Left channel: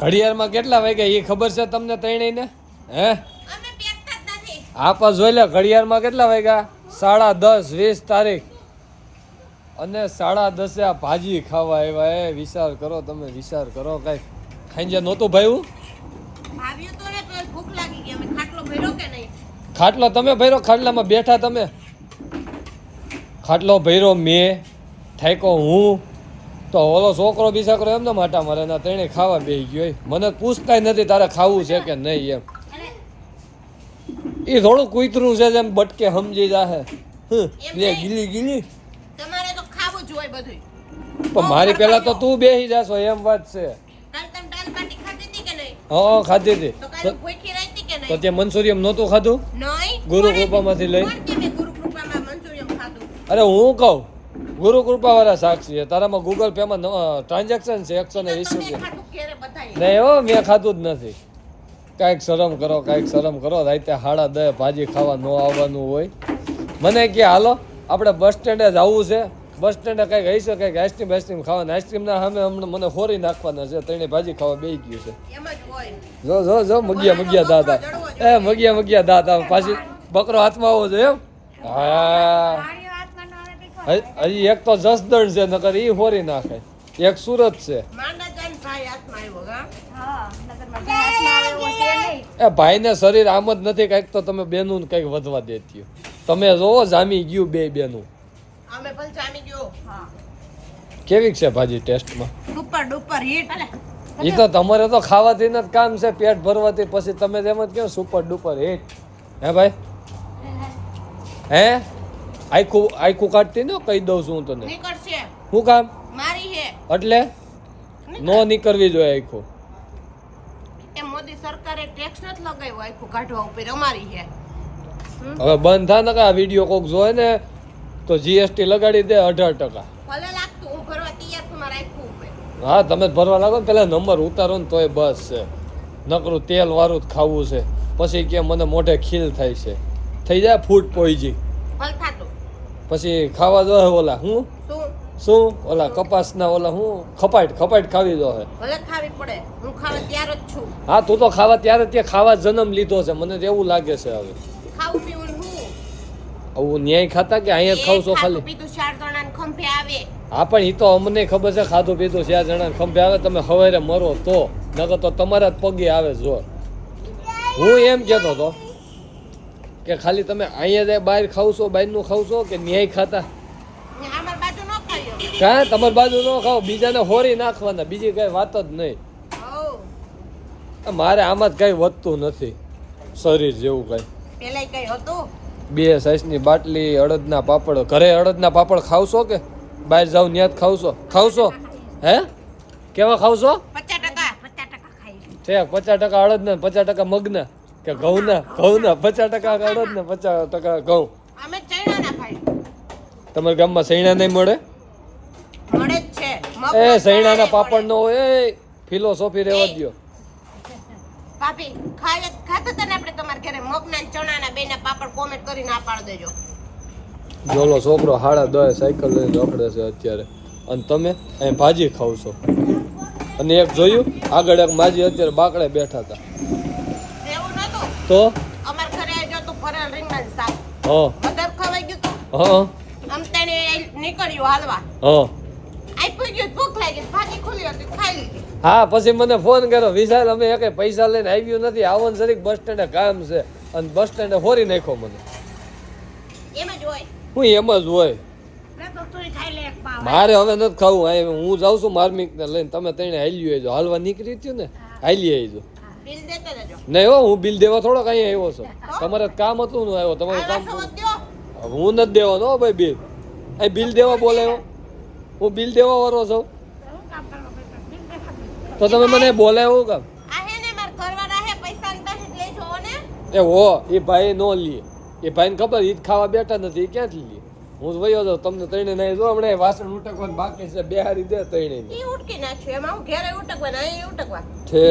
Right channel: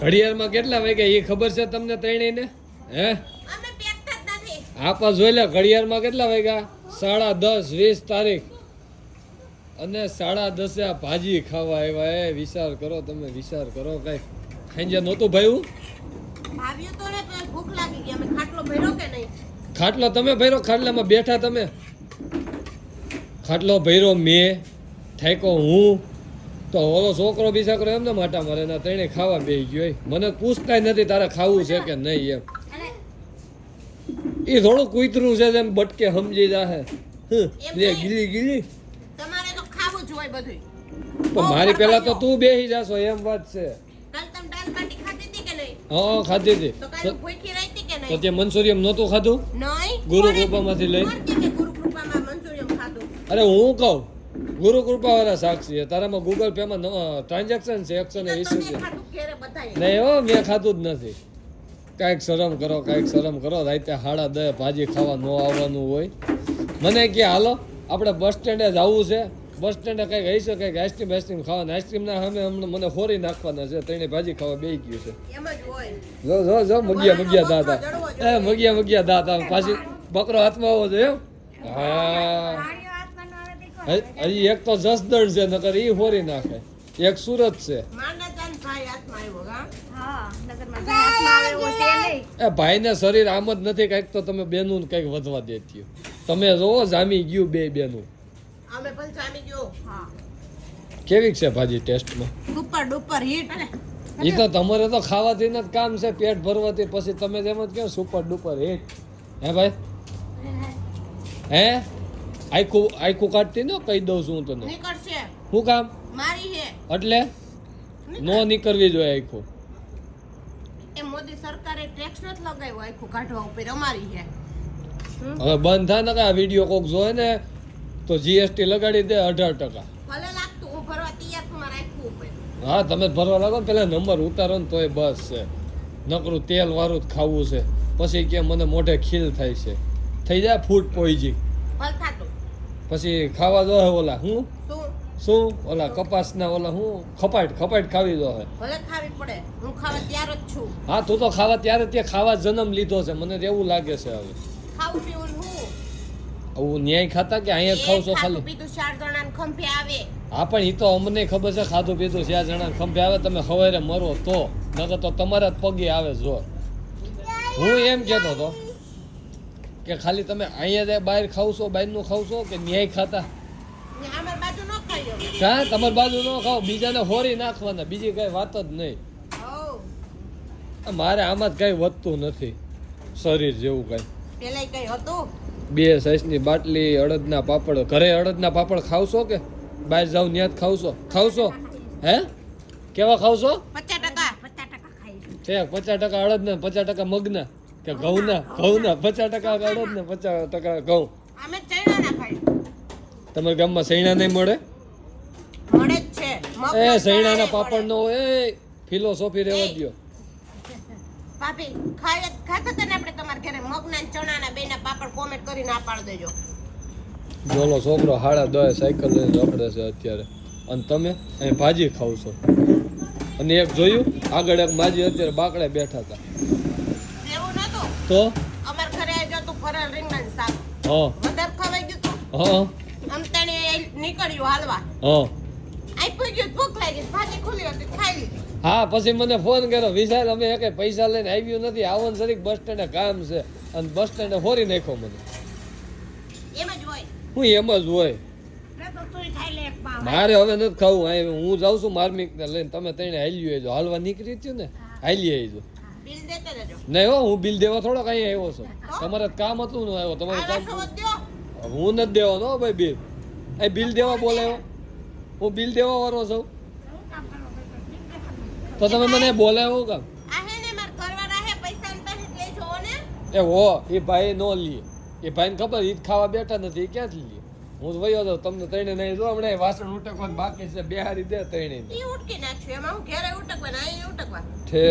ઘડિયાળમાં કેટલા વાગ્યા એ ખબર છે તમને ત્રણેયને? હે અમે પેકતા જ નથી. આપા જોઈ લે ઘડિયાળમાં કેટલા વાગ્યા? 10:30 20 તારીખ અને 10:30 આ ભાજી ખાવા આવ્યા. એ વિચાર કરો તમે, વિચાર કરો. કઈ ખાઈ નહોતું ભાઈ? આવ્યું તો ને પણ ભૂખ લાગી ગઈ. અમે ખાટલો ભર્યો કે નહીં? ખાટલો તમે ભર્યો? ખાટલામાં બેઠા તમે? ખાટલો ભર્યો મેં, ઠાકો હું, તો ઓલો છોકરો બિસાકરો એમને માટા મારે ના ત્રણે ખાવા બેસી ગયો. મને પૂછતાય નથી તારે ખાવું છે કે નહીં એમ. એ થોડું કૂતરું છે જેમ બટકે સમજી જાહે. ગીલી ગીલી તમારે તો ખાવું જ હોય બધું. પણ મારી પેલા તો તું બેસી જાશો એમ વાત છે. કાલ તમે દાલ બાટી ખાધી હતી કે નહીં? હા ખાધી હતી. તો કાલ ભૂખી રહી હતી કે તો નહીં? તે મંચુરિયમ નહોતું ખાધું? નહીં. ગુરુ કૃપામાંથી લઈ. કોણ કે મેં ગુરુ કૃપામાં મંચુરિયમ ખાધું? અરે હું કહું ગુરુ કૃપા વાળા સાક્ષી છે. તારામાં ગૂગલ પે માં ટ્રાન્ઝેક્શન છે 120 તમે રૂપિયા. ખાધું ઘેરે બધાએ. નહીં હો મેં ખાધું જ નથી. કાંઈક શરમ કરો, કાંઈક શરમ કરો. રાતે 10:30 ભાજી ખાવા ન આવવાનું હોય. મને કે હાલો આપણે બસ સ્ટેન્ડે જવું છે. બસ સ્ટેન્ડે કંઈક હઈ શકે કે આઈસ્ક્રીમ ખાવાના. આઈસ્ક્રીમના સામે હમણાં મને ફોરી નાખવાના છે. ત્રણે ભાજી ખાવા બેસી ગયું છે. એમ જ હોય. જો મગિયા દાંત એ મગિયા દાંત આમ પાછી બકરો હાથમાં આવો છે એમ. હા હજી એક તો જસદણ છે નકર ઈ ફોરી નાખે. એક સુરત છે. માંડા જાન ભાઈ હાથમાં આવ્યો હા. હા નગરમાં ભાઈ હાથમાં આવે એવો છે નહીં. એ ભાઈને શરીર આમ જ નથી. કંઈક તો તમે બેનું કંઈક વધવા દેતી. તમે જોવો જામી ગયું બે બેનું. અમે પણ જામી ગયો. હા કેવી છે ભાજી ટેસ્ટમાં? Super duper hit. એ તો તમારે તો ખાવાથી જ કામ છે, પેટ ભરવાથી. પછી તમે જેમ જ કેમ સુપર ડુપર હિટ. હે ભાઈ હે આખું કાઢતી ને કહી દઉં છું હું તને. નીકળશે. શું કામ? મારી હે. એટલે નો નીકળવી જોઈએ આખું. એ મોદી સરકારે ટેક્સ નથી લગાવ્યો આખું કાઢવા ઉપર. અમારી હે. હવે બંધ થા ને આ વિડીયો કોક જોય ને તો જીએસટી લગાડી દે 18%. ભલે લાગતું હું ભરવા તૈયાર છું મારા આખું ઉપર. હા તમે જ ભરવા લાગો ને પેલા નંબર ઉતારો ને તોય બસ છે. નકરું તેલ વાળું જ ખાવું છે. પછી કે મને મોઢે ખીલ થાય છે. થઈ જાય ફૂડ પોઈઝિંગ. ભલ થાતું. પછી ખાવા દો ઓલા શું શું ઓલા કપાસના ઓલા હું ખપાટ ખાવી દો હે. ભલે ખાવી પડે. હું ખાવા તૈયાર જ છું. હા તું તો ખાવા ત્યારે ત્યાં ખાવા જન્મ લીધો છે. મને તો એવું લાગે છે હવે. ખાવું પીવું હું. આવું ન્યાય ખાતા કે અહીંયા ખાવ છો ખાલી? પીધું 4 જણાને ખંભે આવે. હા પણ એ તો અમને ખબર છે. ખાધું પીધું 4 જણા ખંભે આવે. તમે હવારે મરો તો નકર તો તમારા જ પગે આવે જોર. હું એમ કહેતો હતો કે ખાલી તમે અહીંયા જાય બહાર ખાવ છો, બહારનું ખાવ છો કે ન્યાય ખાતા? અમાર બાજુ ન ખાયો. કાં તમારી બાજુ ન ખાવ, બીજાને હોરી નાખવાના. બીજી કઈ વાત જ નહીં. મારે આમાં જ કઈ વધતું નથી શરીર જેવું કઈ. પેલા કઈ હતું? 2 સાઈઝની બાટલી અડદના પાપડ. ઘરે અડદના પાપડ ખાવશો કે બહાર જાવ ત્યાં જ ખાવશો? હે કેવા ખાવશો? 50% ખાઈશું. છે 50% અડદના 50% મગના કે ઘઉંના? 50% અડદના 50% ઘઉં. અમે ચણા ના ખાઈ. તમારા ગામમાં સૈણા નહીં મળે? મળે જ છે. એ સૈણાના પાપડ નો હોય. એ ફિલોસોફી રહેવા દ્યો. ભાભી ખાતા તને આપણે તમારા ઘરે મગના અને ચણાના બેના પાપડ કોમેન્ટ કરીને આ પાડ દેજો. જોલો છોકરો 10:30 સાયકલ લઈને રખડે છે અત્યારે અને તમે અહીં ભાજી ખાવ છો. અને એક જોયું આગળ એક માજી અત્યારે બાકડે બેઠા હતા. એવું નતું તો અમાર ઘરે આવ્યો તો ભરેલ રીંગણાનું શાક. હા વધારે ખવાઈ ગયું તો હા આમ તને નીકળ્યું હાલવા. હા આઈ ગયું ભૂખ લાગી ભાજી ખુલી હતી ખાઈ લીધી. હા પછી મને ફોન કર્યો વિશાલ અમે એક પૈસા લઈને આવ્યું નથી. આવન જરીક બસ સ્ટેન્ડે કામ છે અને બસ સ્ટેન્ડે ફોરી નાખ્યો મને. એમ જ હોય. હું એમ જ હોય. તો તું ખાઈ લે એક પાવ. મારે હવે નથી ખાવું. હું જાઉં છું માર્મિકને લઈને. તમે ત્રણે હાલી આવજો. હાલવા નીકળી થયું ને હાલી આવજો. બિલ દેતા જજો. નહીં હો હું બિલ દેવા થોડોક અહીંયા આવ્યો છું. તમારે કામ હતું ને આવ્યો. તમારે કામ હું નથી દેવાનો હો ભાઈ બિલ. અહીં બિલ દેવા બોલાવ્યો. હું બિલ દેવા વાળો છું. તો તમે મને બોલાવ્યો કામ? આ હે ને માર ઘરવાળા હે પૈસા ને પાસે લેજો ને. એ હો એ ભાઈ નો લે. એ ભાઈને ખબર ઈદ ખાવા બેઠા નથી. એ ક્યાંથી લે? હું વયો જાઉં. તમને ત્રણે નહીં જો હમણાં વાસણ ઉટકવાનું બાકી છે. બેહારી દે ત્રણે. ઈ ઉટકી નાખ્યો. એમાં હું ઘેરે ઉટકવા ને અહીં ઉટકવા. છે